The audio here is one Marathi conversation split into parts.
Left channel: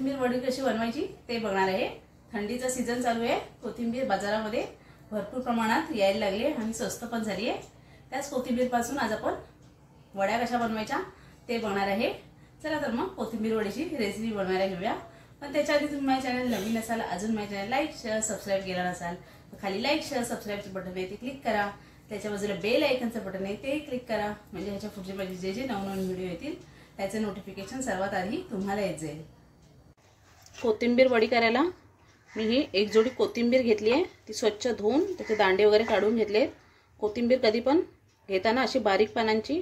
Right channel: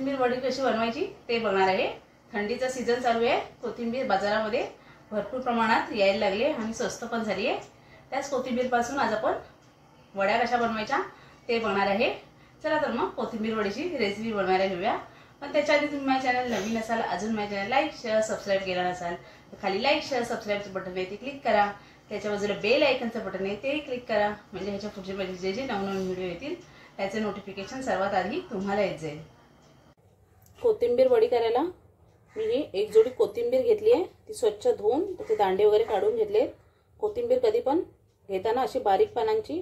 कोथिंबीर वडी कशी बनवायची ते बघणार आहे। थंडीचा सीजन चालू आहे, कोथिंबीर बाजारामध्ये भरपूर प्रमाणात यायला लागली आणि स्वस्त पण झाली आहे। त्याच कोथिंबीर पासून आज आपण वड्या कशा बनवायच्या ते बघणार आहे। चला तर मग कोथिंबीर वडीची रेसिपी बनवायला घेऊया। पण त्याच्या आधी तुम्ही माझ्या चॅनल नवीन असाल, अजून माझ्या चॅनल लाईक शेअर सबस्क्राइब केला नसाल तर खाली लाईक शेअर सबस्क्राइबचं बटन आहे ते क्लिक करा। त्याच्या बाजूला बेल आयकॉनचं बटन आहे ते क्लिक करा, म्हणजे ह्याच्या पुढचे माझे जे जे नवनवीन व्हिडिओ येतील त्याचे नोटिफिकेशन सर्वात आधी तुम्हाला येत जाईल। कोथिंबीर वडी करायला मी ही एक जोडी कोथिंबीर घेतली आहे। ती स्वच्छ धुवून त्याचे दांडे वगैरे काढून घेतले। कोथिंबीर कधी पण घेताना अशी बारीक पानांची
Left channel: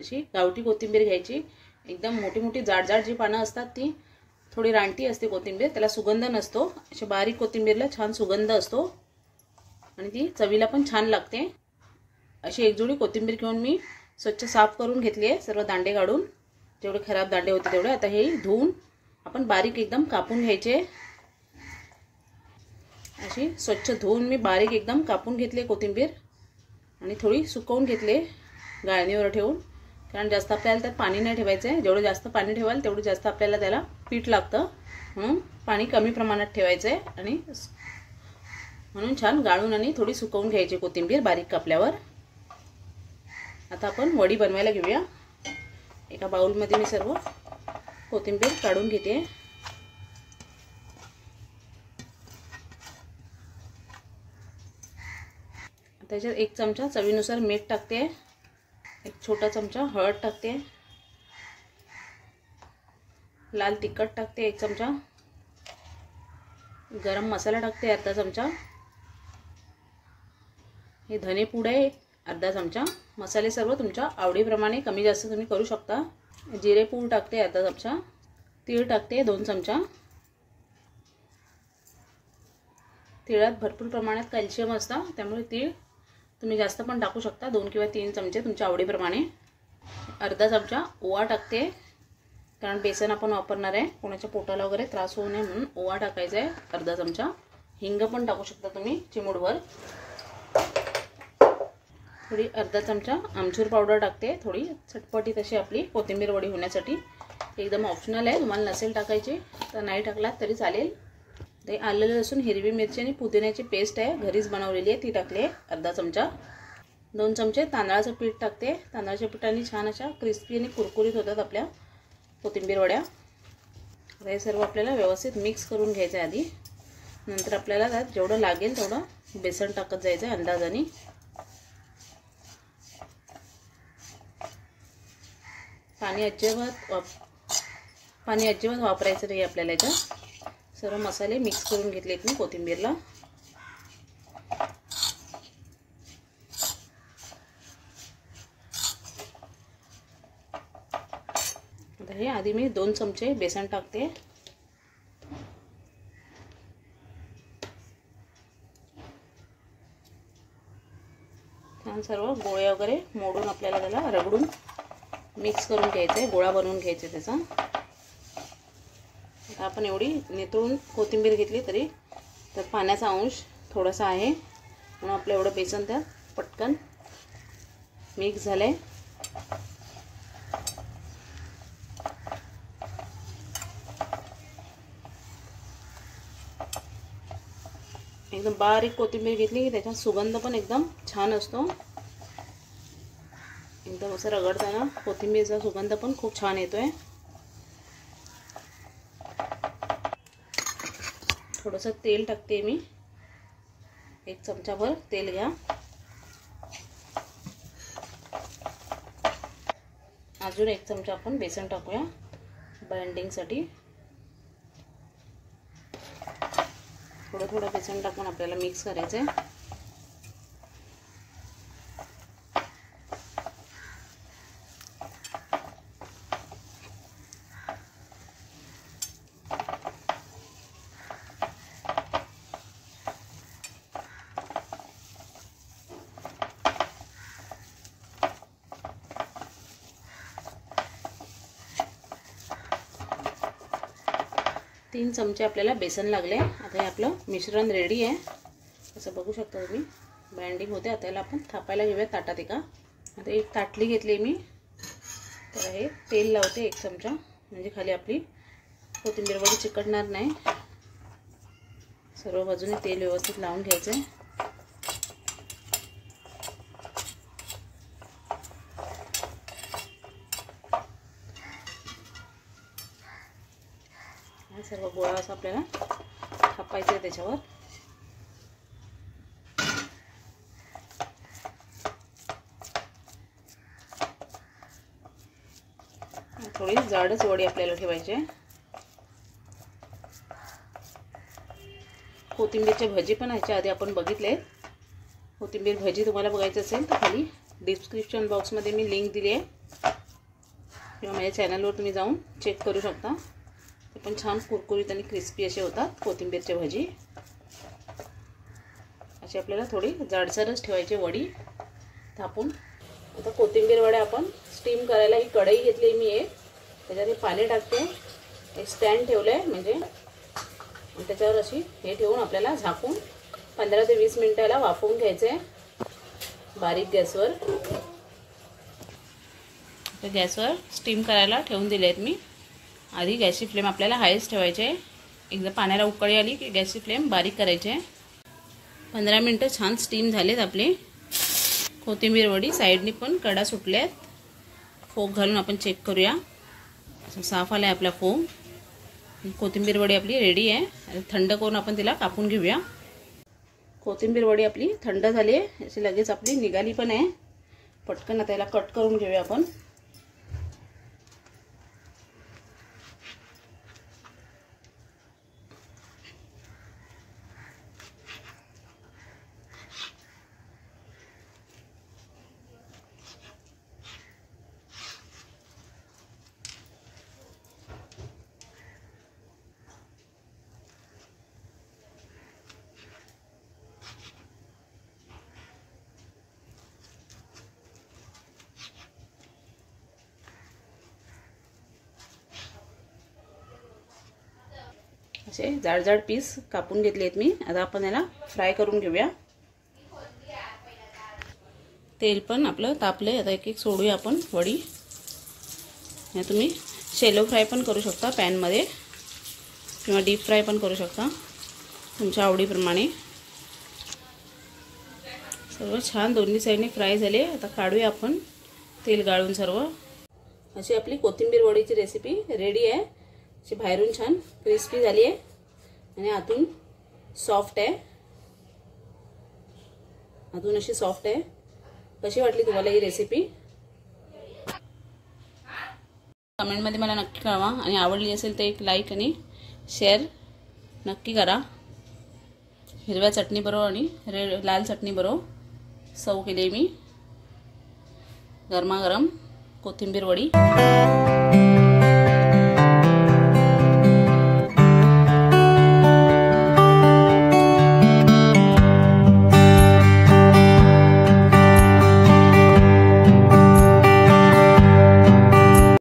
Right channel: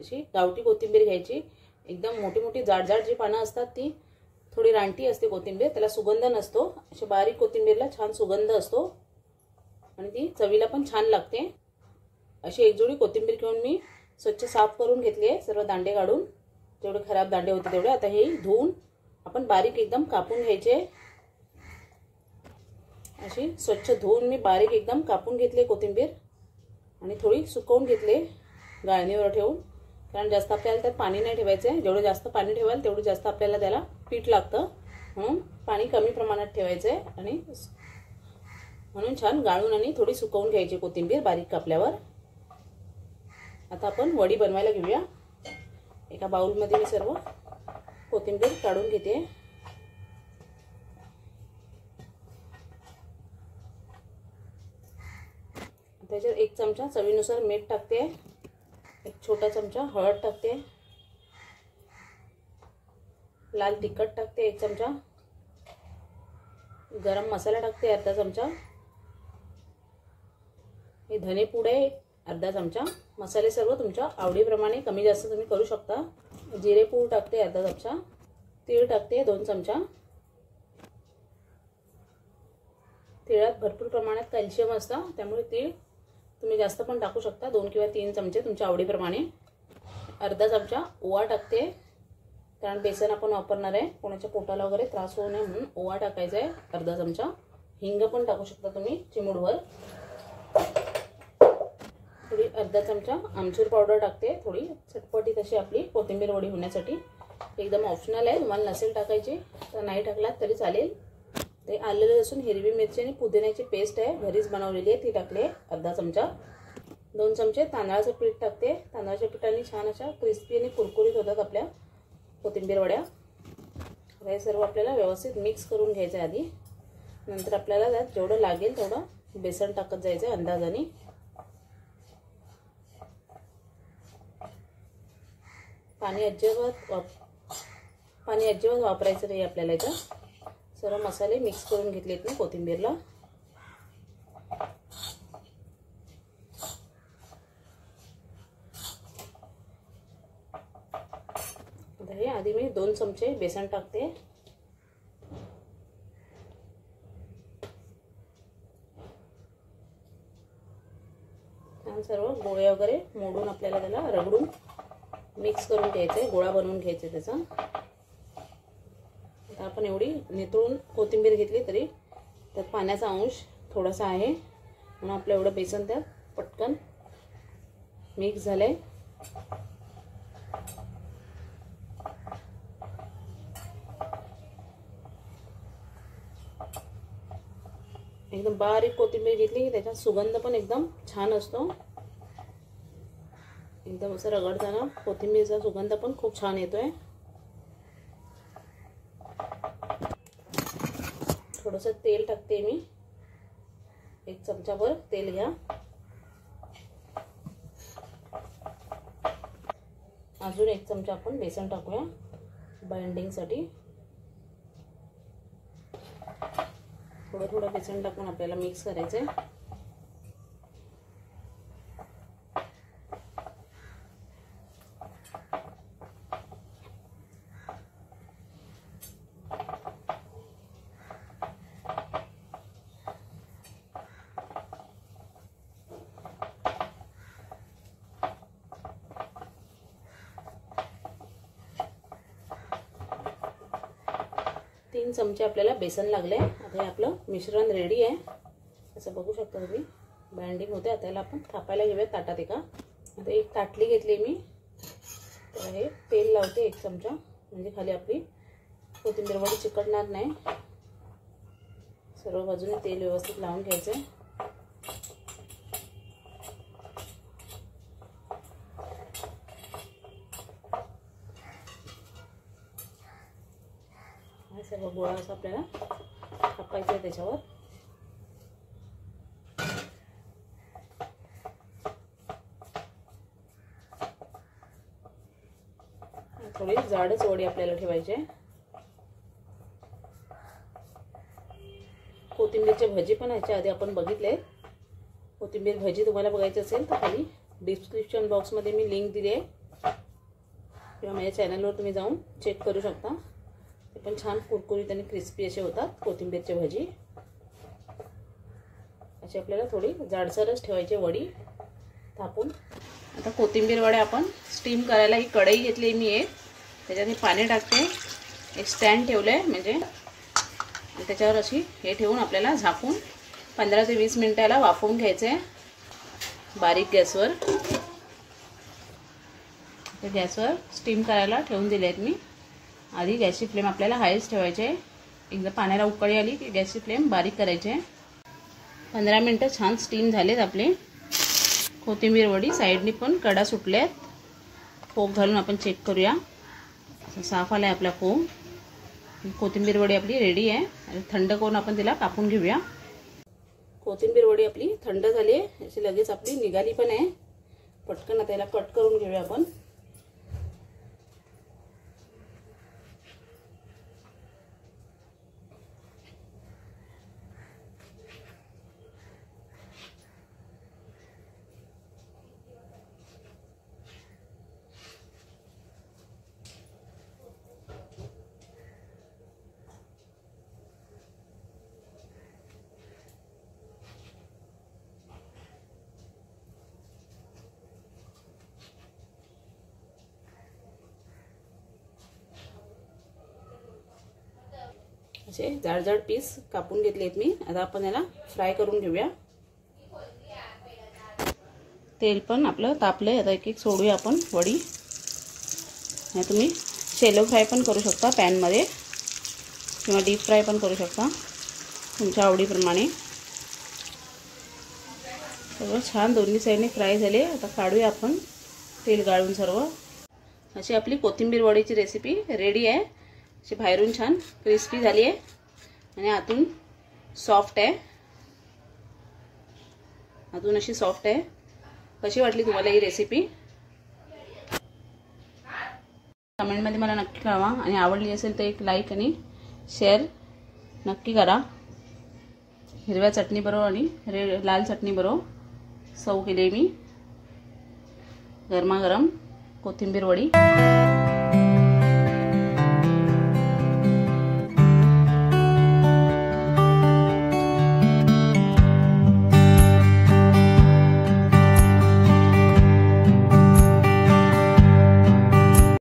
अशी गावठी कोथिंबीर घ्यायची। एकदम मोठी मोठी जाड जी पानं असतात ती थोडी रानटी असते कोथिंबीर, त्याला सुगंध नसतो। अशी बारीक कोथिंबीरला छान सुगंध असतो आणि ती चवीला पण छान लागते। अशी एक जोडी कोथिंबीर घेऊन मी स्वच्छ साफ करून घेतली आहे, सर्व दांडे काढून, जेवढे खराब दांडे होते तेवढे। आता हे धुवून आपण बारीक एकदम कापून घ्यायचे। अशी स्वच्छ धुवून मी बारीक एकदम कापून घेतली कोथिंबीर आणि थोडी सुकवून घेतली गाळणीवर ठेवून, कारण जास्त आपल्याला त्यात पाणी नाही ठेवायचं। जेवढे जास्त पाणी ठेवाल तेवढे जास्त आपल्याला त्याला पीठ लागतं, म्हणून पाणी कमी प्रमाणात ठेवायचं आहे आणि म्हणून छान गाळून आणि थोडी सुकवून घ्यायची कोथिंबीर बारीक कापल्यावर। आता आपण वडी बनवायला घेऊया। एका बाउलमध्ये मी सर्व कोथिंबीर काढून घेते। त्याच्यात एक चमचा चवीनुसार मीठ टाकते, एक छोटा चमचा हळद टाकते, लाल तिखट टाकते एक चमचा, गरम मसाला टाकते अर्धा चमचा, हे धने पूड आहे अर्धा चमचा। मसाले सर्व तुमच्या आवडीप्रमाणे कमी जास्त तुम्ही करू शकता। जिरे पूड टाकते अर्धा चमचा, तीळ टाकते 2 चमचा। तिळात भरपूर प्रमाणात कॅल्शियम असतं, त्यामुळे तीळ तुम्ही जास्त पण टाकू शकता, 2 किंवा 3 चमचे तुमच्या आवडीप्रमाणे। अर्धा चमचा ओवा टाकते, कारण बेसन आपण वापरणार आहे, कोणाच्या पोटाला वगैरे त्रास होऊ नये म्हणून ओवा टाकायचा आहे अर्धा चमचा। हिंग पण टाकू शकता तुम्ही चिमूटभर। थोडी अर्धा चमचा आमचूर पावडर टाकते, थोडी चटपटीत अशी आपली कोथिंबीर वडी होण्यासाठी। एकदम ऑप्शनल आहे, तुम्हाला नसेल टाकायची तर नाही टाकलात तरी चालेल। ते आलं लसूण हिरवी मिरची आणि पुदिन्याची पेस्ट आहे, घरीच बनवलेली आहे, ती टाकली अर्धा चमचा। 2 चमचे तांदळाचं पीठ टाकते, तांदळाच्या पिठाने छान अशा क्रिस्पी आणि कुरकुरीत होतात आपल्या कोथिंबीर वड्या। हे सर्व आपल्याला व्यवस्थित मिक्स करून घ्यायचं आधी, नंतर आपल्याला त्यात जेवढं लागेल तेवढं बेसन टाकत जायचं अंदाजाने। पाणी अजिबात वापरायचं नाही आपल्याला। याच्यात सर्व मसाले मिक्स करून घेतलेत मी कोथिंबीरला। हे आधी मी 2 चमचे बेसन टाकते, छान सर्व गोळे वगैरे मोडून आपल्याला त्याला रगडून मिक्स करून घ्यायचं आहे, गोळा बनवून घ्यायचा त्याचा। आता आपण एवढी नितळून कोथिंबीर घेतली तरी त्यात पाण्याचा अंश थोडासा आहे, म्हणून आपलं एवढं बेसन त्यात पटकन मिक्स झालंय। एकदम बारीक कोथिंबीर घेतली की त्याचा सुगंध पण एकदम छान असतो। एकदम असं रगडताना कोथिंबीरचा सुगंध पण खूप छान येतोय। थोडंसं तेल टाकते मी, 1 चमचाभर तेल घ्या। अजून 1 चमचा आपण बेसन टाकूया बाइंडिंगसाठी। थोडं बेसन टाकून आपल्याला मिक्स करायचं आहे। तीन चमचे आपल्याला बेसन लागले। आता हे आपलं मिश्रण रेडी आहे, असं बघू शकता तुम्ही बाइंडिंग होते। आता याला आपण थापायला घेऊया ताटात एका। आता एक ताटली घेतली मी, तर हे तेल लावते 1 चमचा, म्हणजे खाली आपली कोथिंबीर वडी चिकटणार नाही. सर्व बाजूने तेल व्यवस्थित लावून घ्यायचे. सर्व गोळा असा आपल्याला कापायचा आहे त्याच्यावर. थोडी जाडच वडी आपल्याला ठेवायची आहे. कोथिंबीरचे भजी पण ह्याच्या आधी आपण बघितले. कोथिंबीर भजी तुम्हाला बघायचं असेल तर खाली डिस्क्रिप्शन बॉक्समध्ये मी लिंक दिली आहे किंवा माझ्या चॅनलवर तुम्ही जाऊन चेक करू शकता. ते पण छान कुरकुरीत आणि क्रिस्पी असे होतात कोथिंबीरचे भजी. अशी आपल्याला थोडी जाडसरच ठेवायची वडी थापून. आता कोथिंबीर वड्या आपण स्टीम करायला ही कढई घेतली मी एक, त्याच्यात पाणी टाकते. एक स्टँड ठेवलं आहे म्हणजे त्याच्यावर अशी हे ठेवून आपल्याला झाकून 15 ते 20 मिनिटाला वाफवून घ्यायचे बारीक गॅसवर. तर गॅसवर स्टीम करायला ठेवून दिले आहेत मी. आधी गॅसची फ्लेम आपल्याला हायच ठेवायची आहे. एकदा पाण्याला उकळी आली की गॅसची फ्लेम बारीक करायची आहे. 15 मिनिटं छान स्टीम झालेत आपले. कोथिंबीर वडी साईडनी पण कडा सुटल्यात. फोक घालून आपण चेक करूया. असं साफ आला आहे आपला फोम. कोथिंबीर वडी आपली रेडी आहे. आणि थंड करून आपण तिला कापून घेऊया. कोथिंबीर वडी आपली थंड झाली आहे. अशी लगेच आपली निघाली पण आहे. पटकन त्याला कट करून घेऊया आपण. असे जाड जाड पीस कापून घेतलेत मी. आता आपण याला फ्राय करून घेऊया. तेल पण आपलं तापलंय. आता एक एक सोडूया आपण वडी. या तुम्ही शॅलो फ्राय पण करू शकता पॅनमध्ये किंवा डीप फ्राय पण करू शकता तुमच्या आवडीप्रमाणे. सर्व छान दोन्ही साईडने फ्राय झाले. आता काढूया आपण तेल गाळून सर्व. अशी आपली कोथिंबीर वडीची रेसिपी रेडी आहे. अशी बाहेरून छान क्रिस्पी झाली आहे आणि आतून सॉफ्ट आहे. आतून अशी सॉफ्ट आहे. कशी वाटली तुम्हाला ही रेसिपी कमेंटमध्ये मला नक्की कळवा. आणि आवडली असेल तर एक लाईक आणि शेअर नक्की करा. हिरव्या चटणीबरोबर आणि लाल चटणीबरोबर सर्व केली मी गरमागरम कोथिंबीर वडी.